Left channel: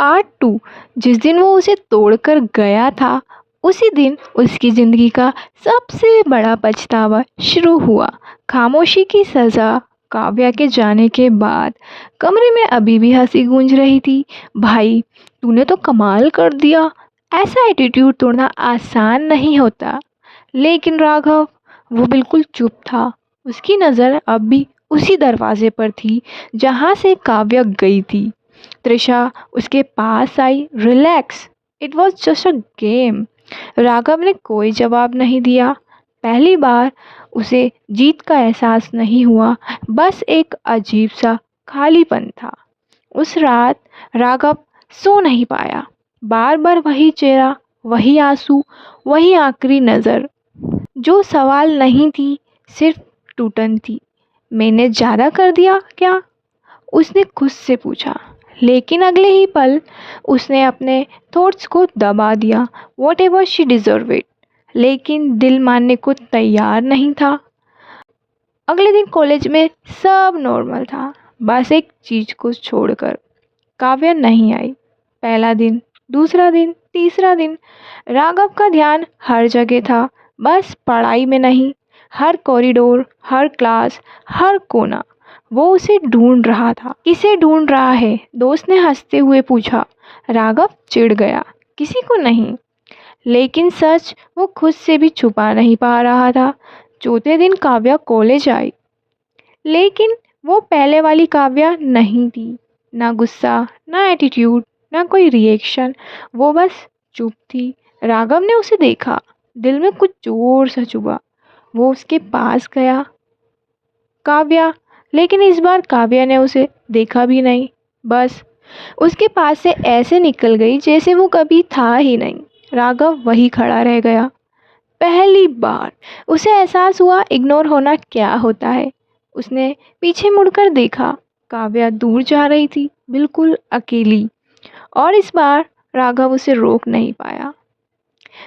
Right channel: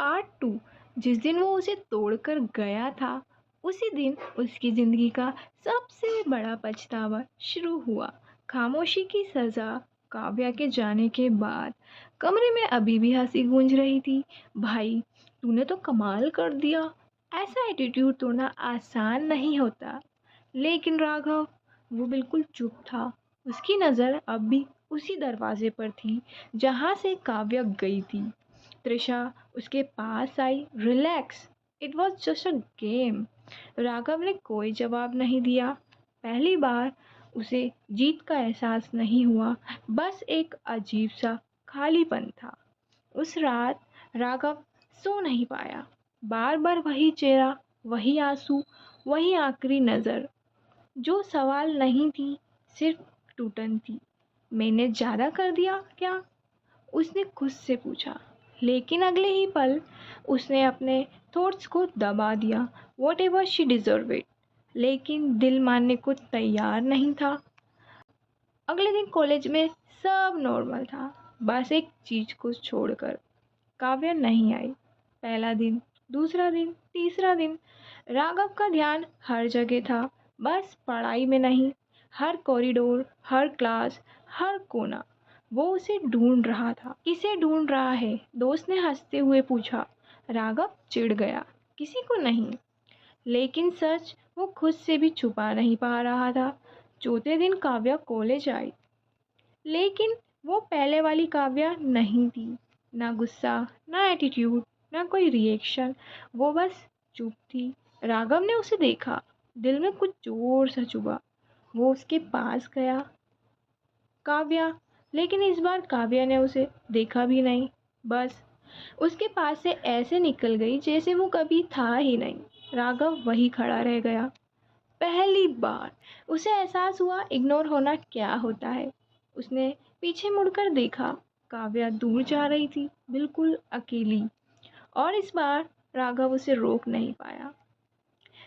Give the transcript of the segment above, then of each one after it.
Part 2। जिस दिन वो उसे तोड़कर गया था, उसी दिन उसकी ज़िंदगी का सबसे बड़ा पछतावा शुरू हुआ। खामोशी की सज़ा। काव्या के जाने के बाद कमरे में अभी भी हंसी गूंज रही थी। भाई, तूने तो कमाल कर दिया। ऐसा एटीट्यूड तोड़ना आसान नहीं होता। लेकिन राघव, वो बिल्कुल चुप था। उसकी नज़र अब भी उसी दरवाजे पर थी जहाँ से काव्या गई थी। त्रिशा उसके पास आई। Relax, it was just a game. Raghav ने कोई जवाब नहीं दिया। पहली बार उसे जीत का एहसास नहीं हुआ, बस एक अजीब सा खालीपन था। उस रात राघव सो नहीं पाया। बार बार वही चेहरा, वही आंसू, वही आखिरी नज़र। जो सवाल नहीं थी, सिर्फ टूटन थी। मैंने ज़्यादा कर दिया क्या? उसने खुद से पूछा। लेकिन अगले ही पल उसने अपने थॉट्स को दबा दिया। What ever she deserve it. लेकिन दिल मानने को तैयार नहीं था। अगले दिन कॉलेज में सब नॉर्मल था, बस एक चीज़ को छोड़कर। काव्या नहीं आई। पहला दिन, दूसरा दिन, तीसरा दिन। राघव का ध्यान हर जगह था, बस पढ़ाई में नहीं। हर कॉरिडोर, हर क्लास, हर कोना। वो उसे ढूंढ रहा था। किसे ढूंढ रहा है? दोस्त ने हंसते हुए पूछा। राघव चिढ़ गया। किसी को नहीं। लेकिन सच वो खुद से भी छुपा नहीं पा रहा था। चौथे दिन काव्या कॉलेज आई, लेकिन वो पहले वाली काव्या नहीं थी। ना गुस्सा, ना एटीट्यूड, ना कोई रिएक्शन। वो बस चुप थी। राघव ने उसे देखा। दिल में कुछ जोर सा चुभा। वो उसके पास गया। काव्या। लेकिन इस बार काव्या ने उसे देखा भी नहीं। बस उसके पास से ऐसे निकल गई जैसे वो कभी था ही नहीं। राघव वही खड़ा रह गया। पहली बार उसे एहसास हुआ इग्नोर होना क्या होता है। उसने पीछे मुड़कर देखा। काव्या दूर जा रही थी, बिल्कुल अकेली। और इस बार राघव उसे रोक नहीं पाया।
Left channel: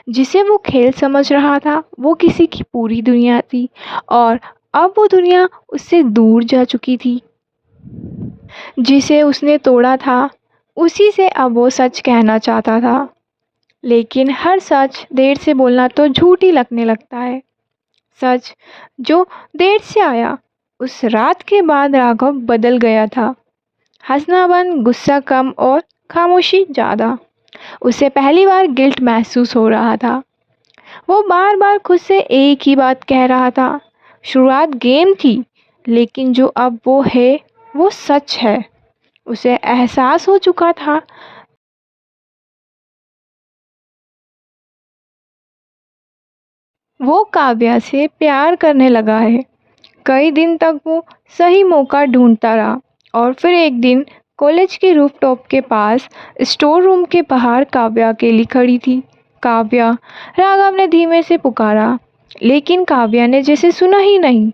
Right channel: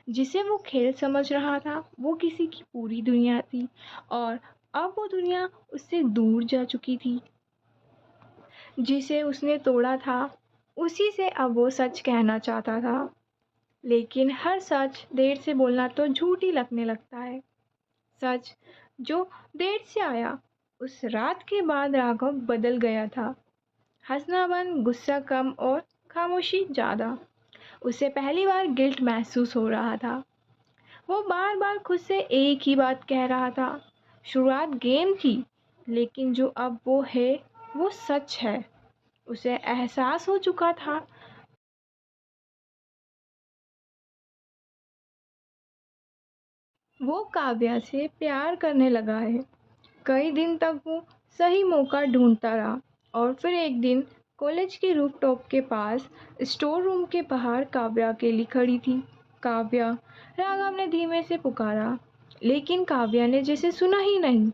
जिसे वो खेल समझ रहा था, वो किसी की पूरी दुनिया थी। और अब वो दुनिया उससे दूर जा चुकी थी। जिसे उसने तोड़ा था, उसी से अब वो सच कहना चाहता था। लेकिन हर सच देर से बोलना तो झूठ ही लगने लगता है। सच जो देर से आया। उस रात के बाद राघव बदल गया था। हंसना बंद, गुस्सा कम और खामोशी ज़्यादा। उसे पहली बार गिल्ट महसूस हो रहा था। वो बार बार खुद से एक ही बात कह रहा था। शुरुआत गेम थी, लेकिन जो अब वो है, वो सच है। उसे एहसास हो चुका था। वो काव्या से प्यार करने लगा है। कई दिन तक वो सही मौका ढूंढता रहा। और फिर एक दिन कॉलेज के रूफटॉप के पास स्टोर रूम के बाहर काव्या अकेली खड़ी थी। काव्या, राघव ने धीमे से पुकारा। लेकिन काव्या ने जैसे सुना ही नहीं।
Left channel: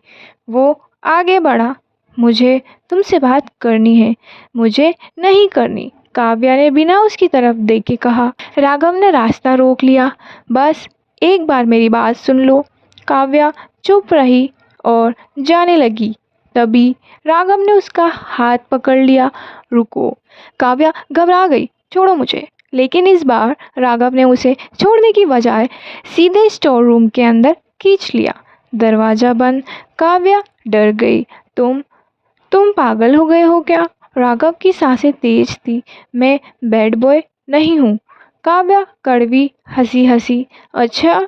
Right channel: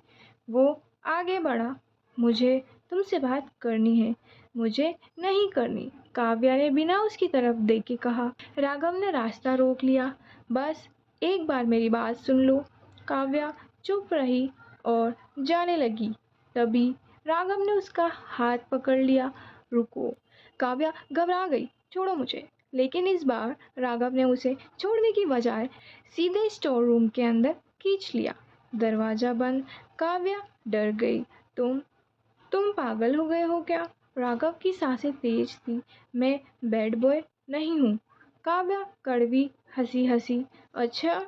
वो आगे बढ़ा। मुझे तुमसे बात करनी है। मुझे नहीं करनी, काव्या ने बिना उसकी तरफ देखे कहा। राघव ने रास्ता रोक लिया। बस एक बार मेरी बात सुन लो। काव्या चुप रही और जाने लगी। तभी राघव ने उसका हाथ पकड़ लिया। रुको। काव्या घबरा गई। छोड़ो मुझे। लेकिन इस बार राघव ने उसे छोड़ने की बजाय सीधे स्टोर रूम के अंदर खींच लिया। दरवाज़ा बंद। काव्या डर गई। तुम पागल हो गए हो क्या? राघव की सांसें तेज थी। मैं बैड बॉय नहीं हूँ। काव्या कड़वी हंसी हंसी। अच्छा,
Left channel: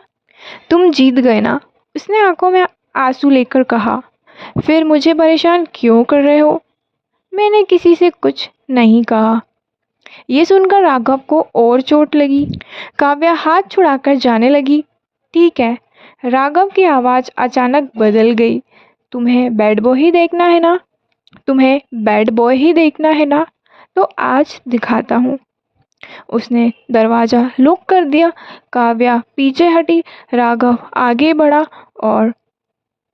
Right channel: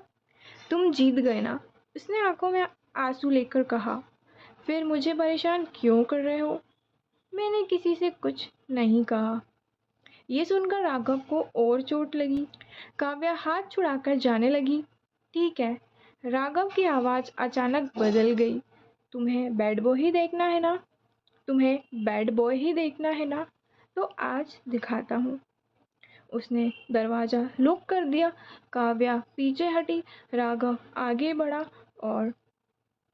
तुम जीत गए ना? उसने आंखों में आंसू लेकर कहा। फिर मुझे परेशान क्यों कर रहे हो? मैंने किसी से कुछ नहीं कहा। ये सुनकर राघव को और चोट लगी। काव्या हाथ छुड़ाकर जाने लगी। ठीक है। राघव की आवाज़ अचानक बदल गई। तुम्हें बैड बॉय ही देखना है ना? तुम्हें बैड बॉय ही देखना है ना? तो आज दिखाता हूँ। उसने दरवाज़ा लॉक कर दिया। काव्या पीछे हटी। राघव आगे बढ़ा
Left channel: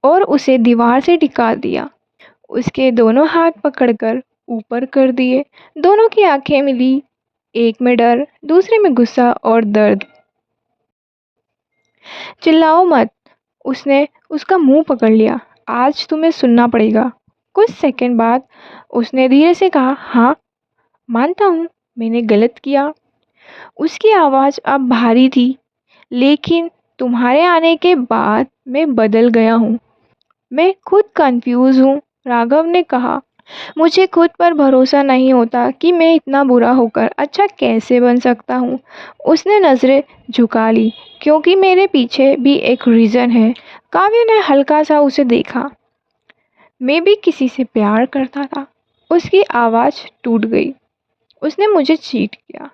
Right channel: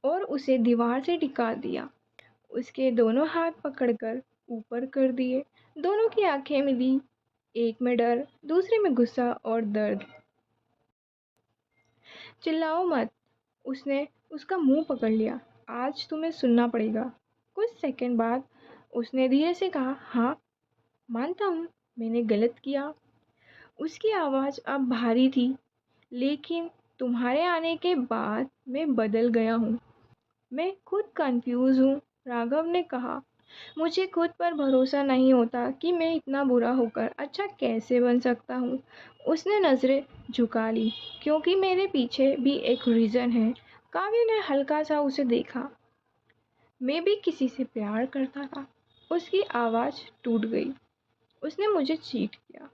और उसे दीवार से टिका दिया। उसके दोनों हाथ पकड़कर ऊपर कर दिए। दोनों की आंखें मिली, एक में डर, दूसरे में गुस्सा और दर्द। चिल्लाओ मत। उसने उसका मुंह पकड़ लिया। आज तुम्हें सुनना पड़ेगा। कुछ सेकंड बाद उसने धीरे से कहा, हाँ मानता हूँ, मैंने गलत किया? उसकी आवाज़ अब भारी थी। लेकिन तुम्हारे आने के बाद मैं बदल गया हूँ। मैं खुद कंफ्यूज हूँ, राघव ने कहा। मुझे खुद पर भरोसा नहीं होता कि मैं इतना बुरा होकर अच्छा कैसे बन सकता हूँ। उसने नज़रें झुका ली, क्योंकि मेरे पीछे भी एक रीज़न है। काव्य ने हल्का सा उसे देखा। मैं भी किसी से प्यार करता था। उसकी आवाज़ टूट गई। उसने मुझे चीट किया।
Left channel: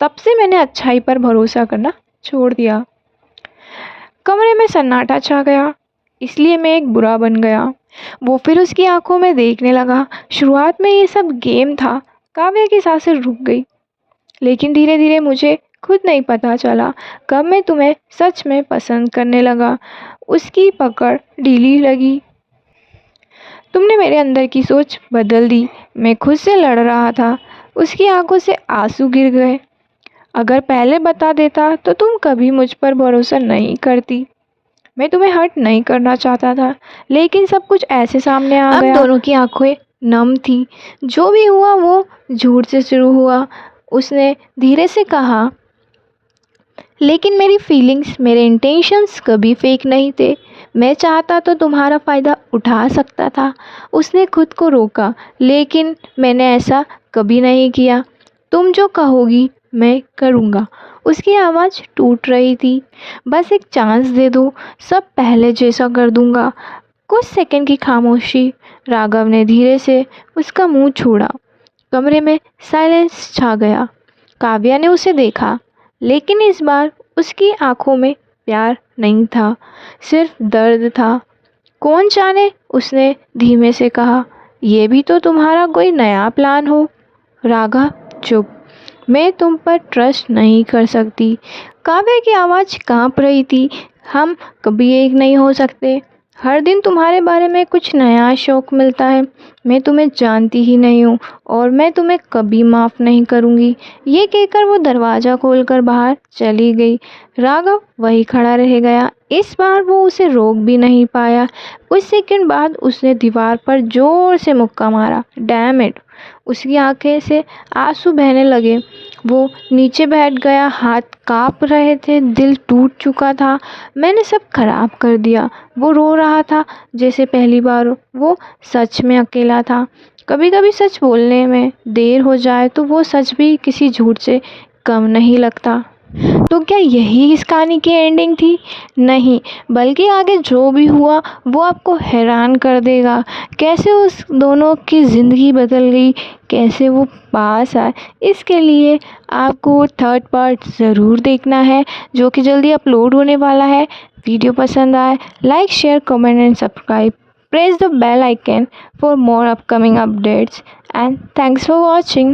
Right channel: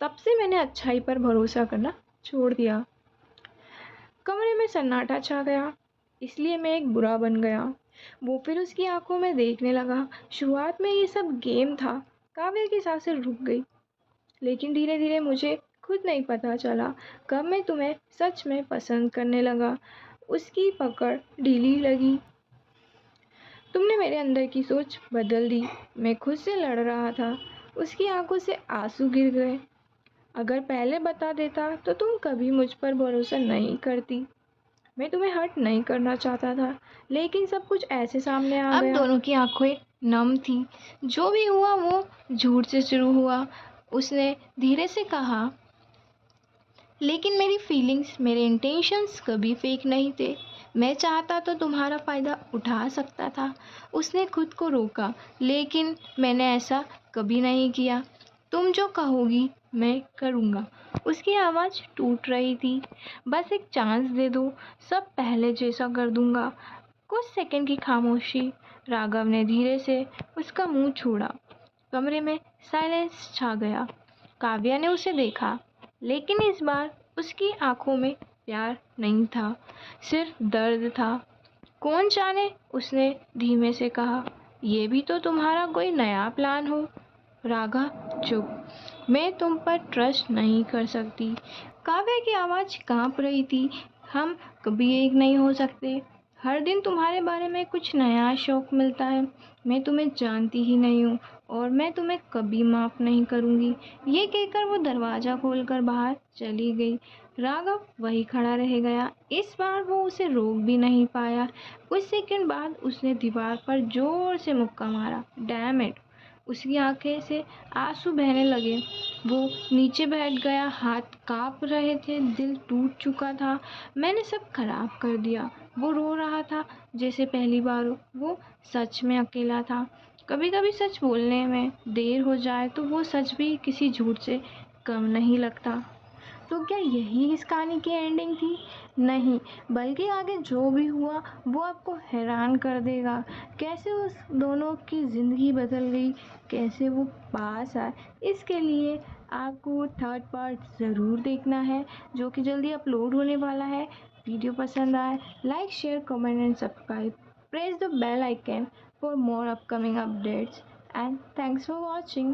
तब से मैंने अच्छाई पर भरोसा करना छोड़ दिया। कमरे में सन्नाटा छा गया। इसलिए मैं एक बुरा बन गया। वो फिर उसकी आंखों में देखने लगा। शुरुआत में ये सब गेम था। काव्य की सांसें रुक गई। लेकिन धीरे धीरे मुझे खुद नहीं पता चला कब मैं तुम्हें सच में पसंद करने लगा। उसकी पकड़ ढीली लगी। तुमने मेरे अंदर की सोच बदल दी। मैं खुद से लड़ रहा था। उसकी आंखों से आंसू गिर गए। अगर पहले बता देता तो तुम कभी मुझ पर भरोसा नहीं करती। मैं तुम्हें हर्ट नहीं करना चाहता था, लेकिन सब कुछ ऐसे सामने आ गया। अब दोनों की आंखें नम थी। जो भी हुआ वो झूठ से शुरू हुआ। उसने धीरे से कहा, लेकिन मेरी फीलिंग्स, मेरे इंटेंशंस कभी फेक नहीं थे। मैं चाहता तो तुम्हारा फ़ायदा उठा सकता था। उसने खुद को रोका, लेकिन मैंने ऐसा कभी नहीं किया। तुम जो कहोगी मैं करूँगा। उसकी आवाज़ टूट रही थी। बस एक चांस दे दो, सब पहले जैसा कर दूँगा। कुछ सेकंड की खामोशी। राघव ने धीरे से उसका मुंह छोड़ा। कमरे में साइलेंस छा गया। काव्या ने उसे देखा, लेकिन इस बार उसकी आंखों में प्यार नहीं था, सिर्फ दर्द था। कौन जाने, उसने धीमे से कहा, यह भी तो तुम्हारा कोई नया प्लान हो। राघव चुप। मैं तुम पर ट्रस्ट नहीं कर सकती। काव्या की आवाज़ कांप रही थी। हम कभी एक नहीं हो सकते। हर दिन तुम्हारे बारे में कुछ नया शौक मिलता है। मैं तुम्हें जानती ही नहीं हूँ और मैं तुम्हें कभी माफ़ नहीं करूँगी। ये कहकर वो दरवाज़ा खोलकर बाहर चली गई। राघव वहीं खड़ा रह गया। इस बार वो उसे रोक भी नहीं पाया। कुछ सेकंड बाद उसने दीवार पर ज़ोर से मुक्का मारा। Damn it! उसकी आंखें से आंसू बहने लगे। वो नीचे बैठ गया। हाथ कांप रहे थे, दिल टूट चुका था। मैंने सब खराब कर दिया। वो रो रहा था जैसे पहली बार वो सच में अकेला था। कभी कभी सच बोलने में देर हो जाए तो वो सच भी किसी झूठ से कम नहीं लगता। तो क्या यही इस कहानी की एंडिंग थी? नहीं, बल्कि आगे जो भी हुआ वो आपको हैरान कर देगा। कैसे उस दोनों की ज़िंदगी बदल गई, कैसे वो पास आए। इसके लिए आपको थर्ड पार्ट ज़रूर देखना है, जो कि जल्दी अपलोड होने वाला है। वीडियो पसंद आए, like, share, comment and subscribe. Press the bell icon for more upcoming updates, and thanks for watching.